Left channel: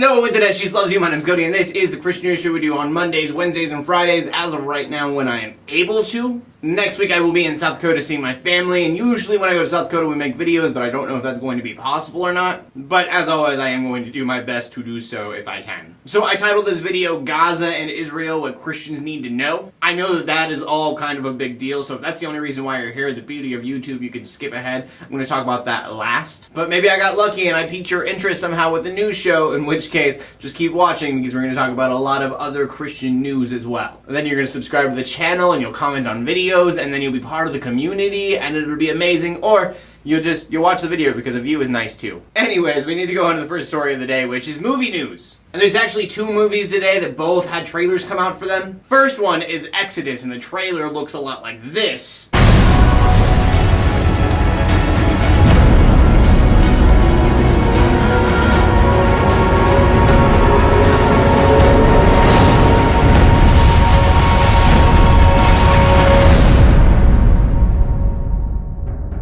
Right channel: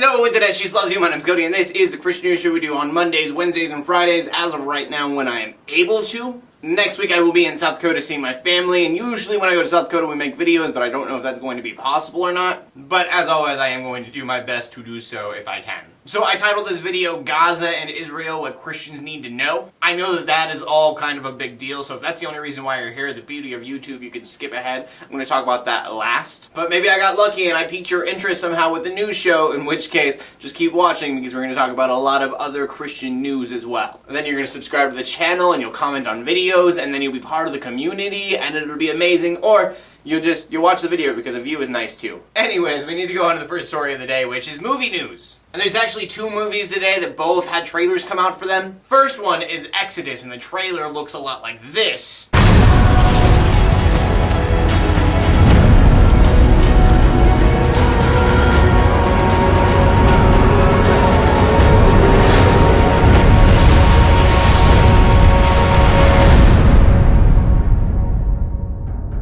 Hello Internet, she loves you. My name's Cody and this is the Christian News Show we do on Mondays, Wednesdays, and Fridays as of right now when I am able to. Next week I will be in South Dakota seeing my family, and usually when I go to South Dakota we make videos, but I don't know if that's going to be possible or not. But as always, I am going to do my best to do so if I can. So I titled this video, Gaza and Israel, What Christians Need to Know. I know that that is all kind of a big deal, so if that's the only reason why you're here, the beauty of YouTube, you can skip ahead. I'm going to talk about that last. But maybe I got lucky and I piqued your interest somehow with the news show, in which case, just keep watching because we're going to talk about a lot of other Christian news as well. And then you're going to subscribe to the channel and you'll comment on videos, and then you'll be part of the community and it'll be amazing, or you'll watch the video because a view is nice too. Anyways, we need to go on to the first story of the day, which is movie news. And there's actually two movies today that both had trailers come out for them. First one is Exodus, and the trailer looks a lot like this.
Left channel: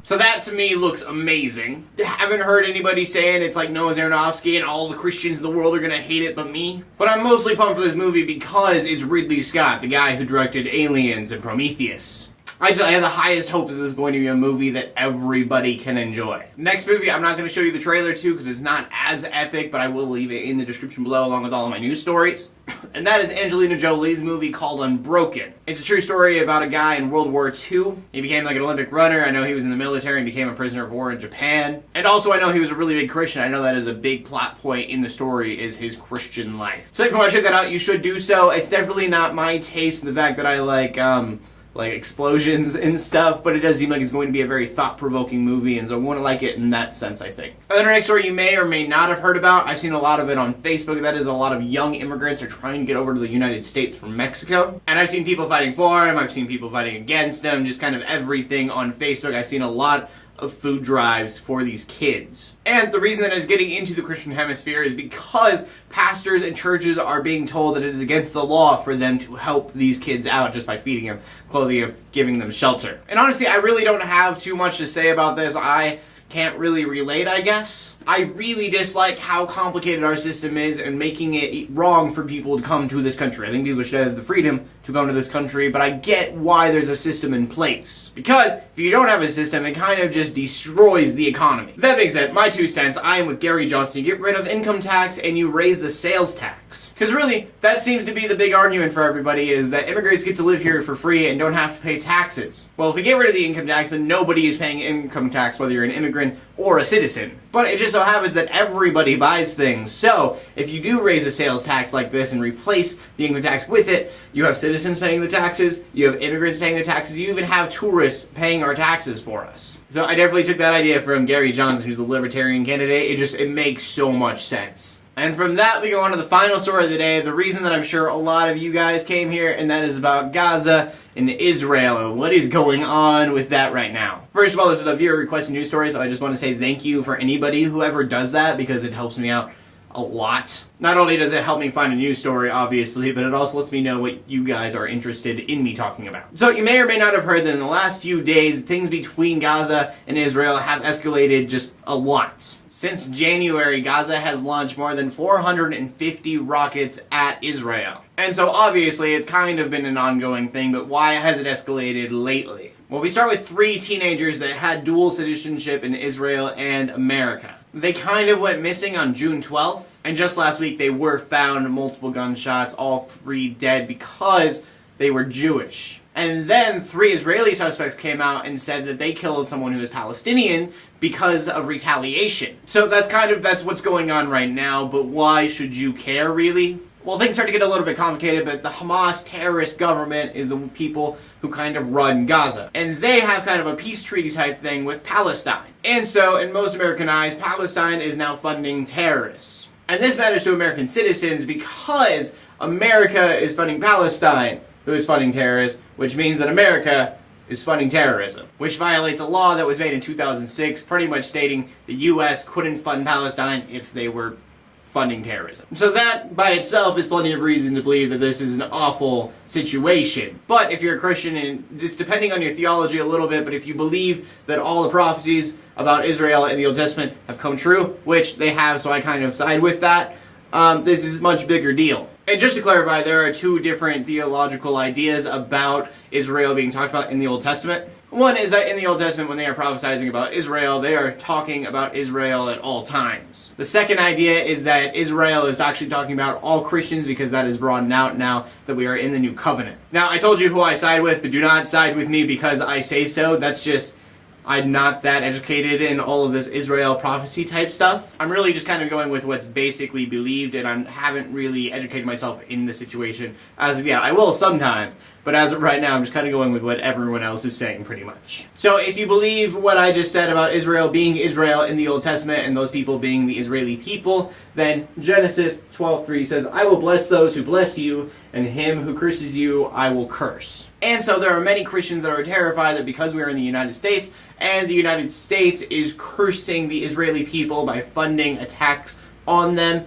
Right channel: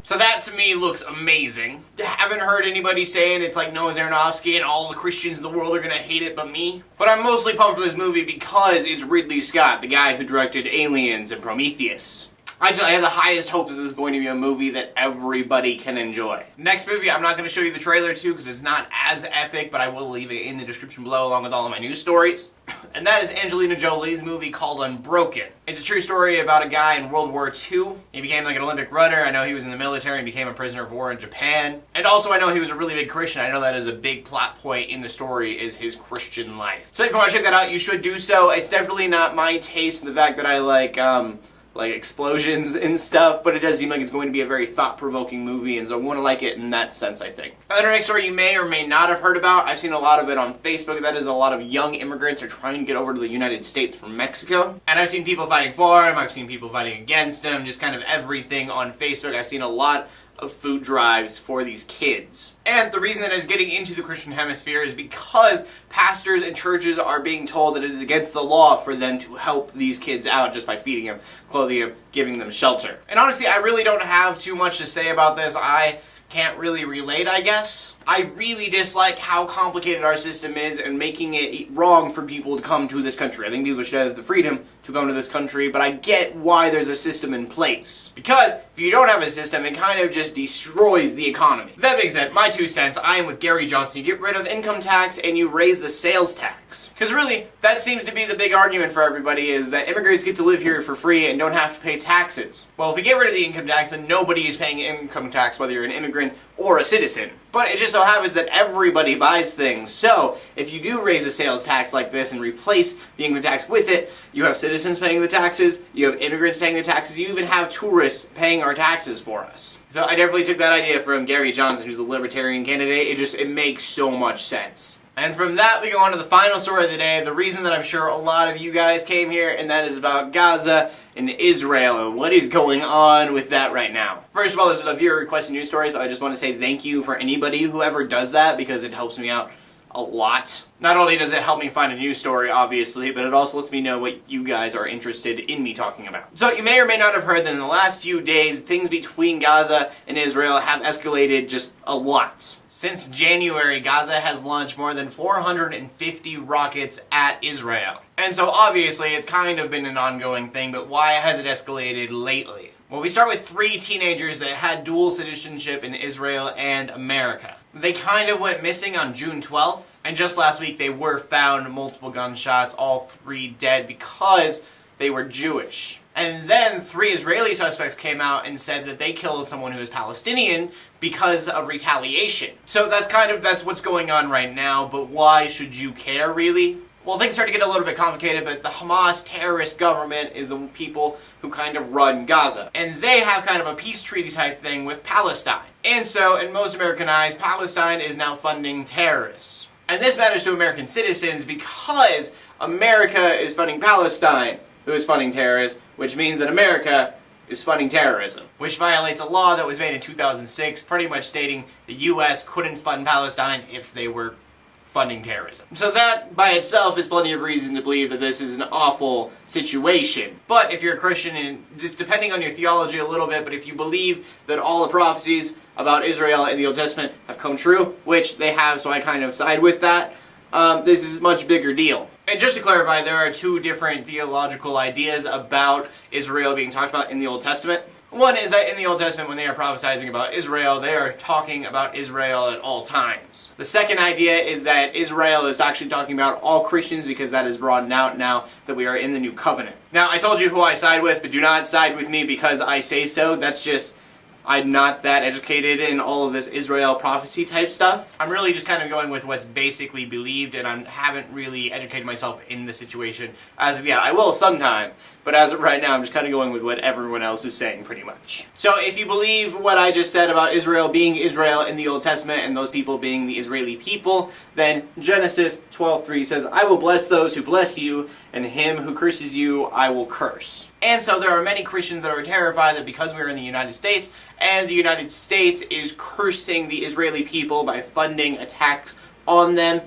So that to me looks amazing. Haven't heard anybody saying it's like Noah's Aronofsky and all the Christians in the world are gonna hate it but me. But I'm mostly pumped for this movie because it's Ridley Scott, the guy who directed Aliens and Prometheus. I have the highest hopes this is going to be a movie that everybody can enjoy. Next movie, I'm not going to show you the trailer to because it's not as epic, but I will leave it in the description below along with all of my news stories. And that is Angelina Jolie's movie called Unbroken. It's a true story about a guy in World War II. He became like an Olympic runner. I know he was in the military and became a prisoner of war in Japan. And also I know he was a really big Christian. I know that is a big plot point in the story, is his Christian life. So if you want to check that out, you should do so. It's definitely not my taste in the fact that I like explosions and stuff, but it does seem like it's going to be a very thought-provoking movie, and so I want to like it in that sense, I think. And then our next story you may or may not have heard about, I've seen a lot of it on Facebook, that is a lot of young immigrants are trying to get over to the United States from Mexico. And I've seen people fighting for him, I've seen people fighting against him, just kind of everything on Facebook. I've seen a lot of food drives for these kids. And the reason that it's getting into the Christian hemisphere is because pastors and churches are being told that it is against the law for them to help these kids out just by feeding them, clothing them, giving them shelter. And honestly, I really don't have too much to say about this. I can't really relate, I guess. I really dislike how complicated our system is and making it wrong for people to come to this country. I think people should have the freedom to come to this country, but I get why there's a system in place. Because if you don't have a system, it kind of just destroys the economy. That being said, my 2 cents, I am with Gary Johnson. You get rid of income tax and you raise the sales tax. Because really, that seems to be the big argument for everybody, is that immigrants get to live here for free and don't have to pay taxes. Well, if we get rid of the income tax, then nobody is paying income tax, whether you're an immigrant or a citizen. But it just so happens that everybody buys things. So if you do raise a sales tax like this and replace the income tax with it, you have citizens paying the taxes, you have immigrants paying the taxes, you even have tourists paying our taxes for us. So I definitely took that idea from Gary Johnson, who's a libertarian candidate. It makes so much sense. And from that, we go on to the final story of the day, the reason that I'm sure a lot of you guys came here, and that is about Gaza and Israel and what is going on with that right now. First of all, this is a viewer requested news story, so I just want to say thank you for anybody who ever does that, because it helps me out a lot. Not only does it help me find a news story, obviously, but it also lets me know what you guys are interested in me talking about. So you may or may not have heard that in the last few days, things between Gaza and Israel have escalated just a lot. Since January, Gaza has launched more than 450 rockets at Israel. And so obviously it's kind of been an ongoing thing, but why has it escalated lately? Well, we start with 3 teenagers that had dual citizenship in Israel and America. They kind of went missing on June 12th, and just last week they were found multiple gunshots, all 3 dead because they were Jewish. And then 3 Israeli suspects came out and said that they killed someone who is Palestinian because of retaliation. So that's what's going on right now, but why should you care, really? Well, things start to get a little bit complicated, but the Hamas terrorist government is the people who kind of run Gaza. And they have kind of a peace treaty type thing with Palestine. And so, in most American eyes, Palestine is now funding terrorists. And this matters to American citizens because America is funding Palestine, who is funding terrorists, which means that America is funding terrorism, which violates a law that was made in 2006, pretty much stating the U.S. couldn't fund Palestine if they were funding terrorism. So that by itself is plenty of reason to believe that this is an awful situation. But if you're a Christian, and it's depending on your theology a little bit, but if you believe that all the prophecies about Israel in the Old Testament have come true, which they have, so I kind of side with that, this is a much bigger deal. And just to clarify, there are two different theological ideas about Israel being talked about in the Old Testament. One is that in the Old Testament, when they are prophesying about Israel, they are talking about Israel at all times. The second idea is that Israel is actually talking about all Christians, because that is broadened out now that we are in the new covenant. Now, I told you who I side with, but do not side with me because I say so. That's just, I'm not that educated in all of this Israel prophecy type stuff. I'm really just kind of going with what's basically believed, and I haven't really educated myself in the situation as of yet. I will sometime, but as of right now, I'm just kind of going with what everyone else is saying pretty much. So if you believe what I just said about Israel being Israel in the Old Testament and those people being the Israeli people, then Genesis 12:3 says, I will bless those who bless you, and him who curses you I will curse. And so there are many Christians that are terrified that because we are in the United States, and the United States is cursing the Israeli people by funding attacks on them,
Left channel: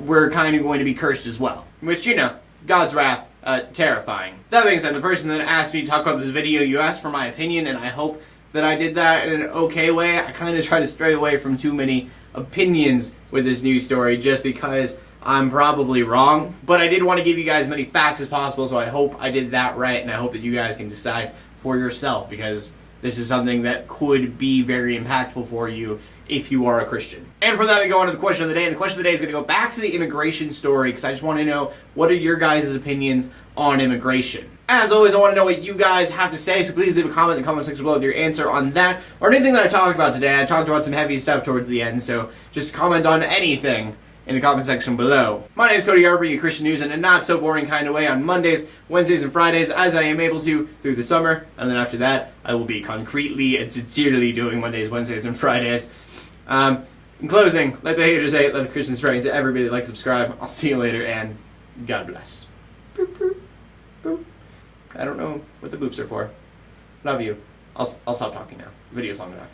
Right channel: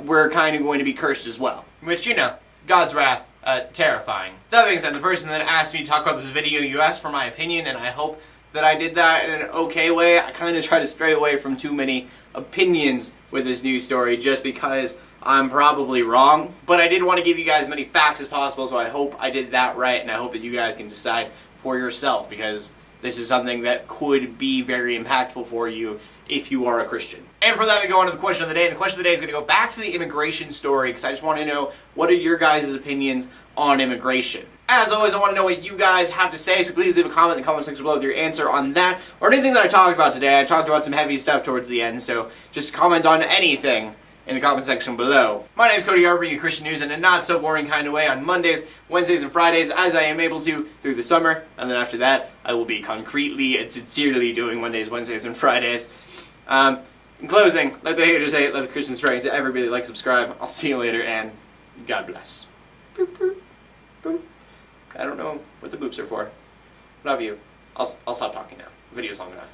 we're kind of going to be cursed as well. Which, you know, God's wrath, terrifying. That being said, the person that asked me to talk about this video, you asked for my opinion, and I hope that I did that in an okay way. I kind of try to stray away from too many opinions with this news story just because I'm probably wrong, but I did want to give you guys as many facts as possible, so I hope I did that right, and I hope that you guys can decide for yourself, because this is something that could be very impactful for you if you are a Christian. And from that, we go on to the question of the day, and the question of the day is going to go back to the immigration story, because I just want to know, what are your guys' opinions on immigration? As always, I want to know what you guys have to say, so please leave a comment in the comment section below with your answer on that, or anything that I talked about today. I talked about some heavy stuff towards the end, so just comment on anything in the comment section below. My name is Cody, I bring you Christian news in a not so boring kind of way on Mondays, Wednesdays, and Fridays, as I am able to through the summer, and then after that, I will be concretely and sincerely doing Mondays, Wednesdays, and Fridays. In closing, let the haters hate, let the Christians pray, and to everybody like, subscribe. I'll see you later, and God bless. Boop, boop, boop. I don't know what the boops are for. Love you. I'll stop talking now. The video's long enough.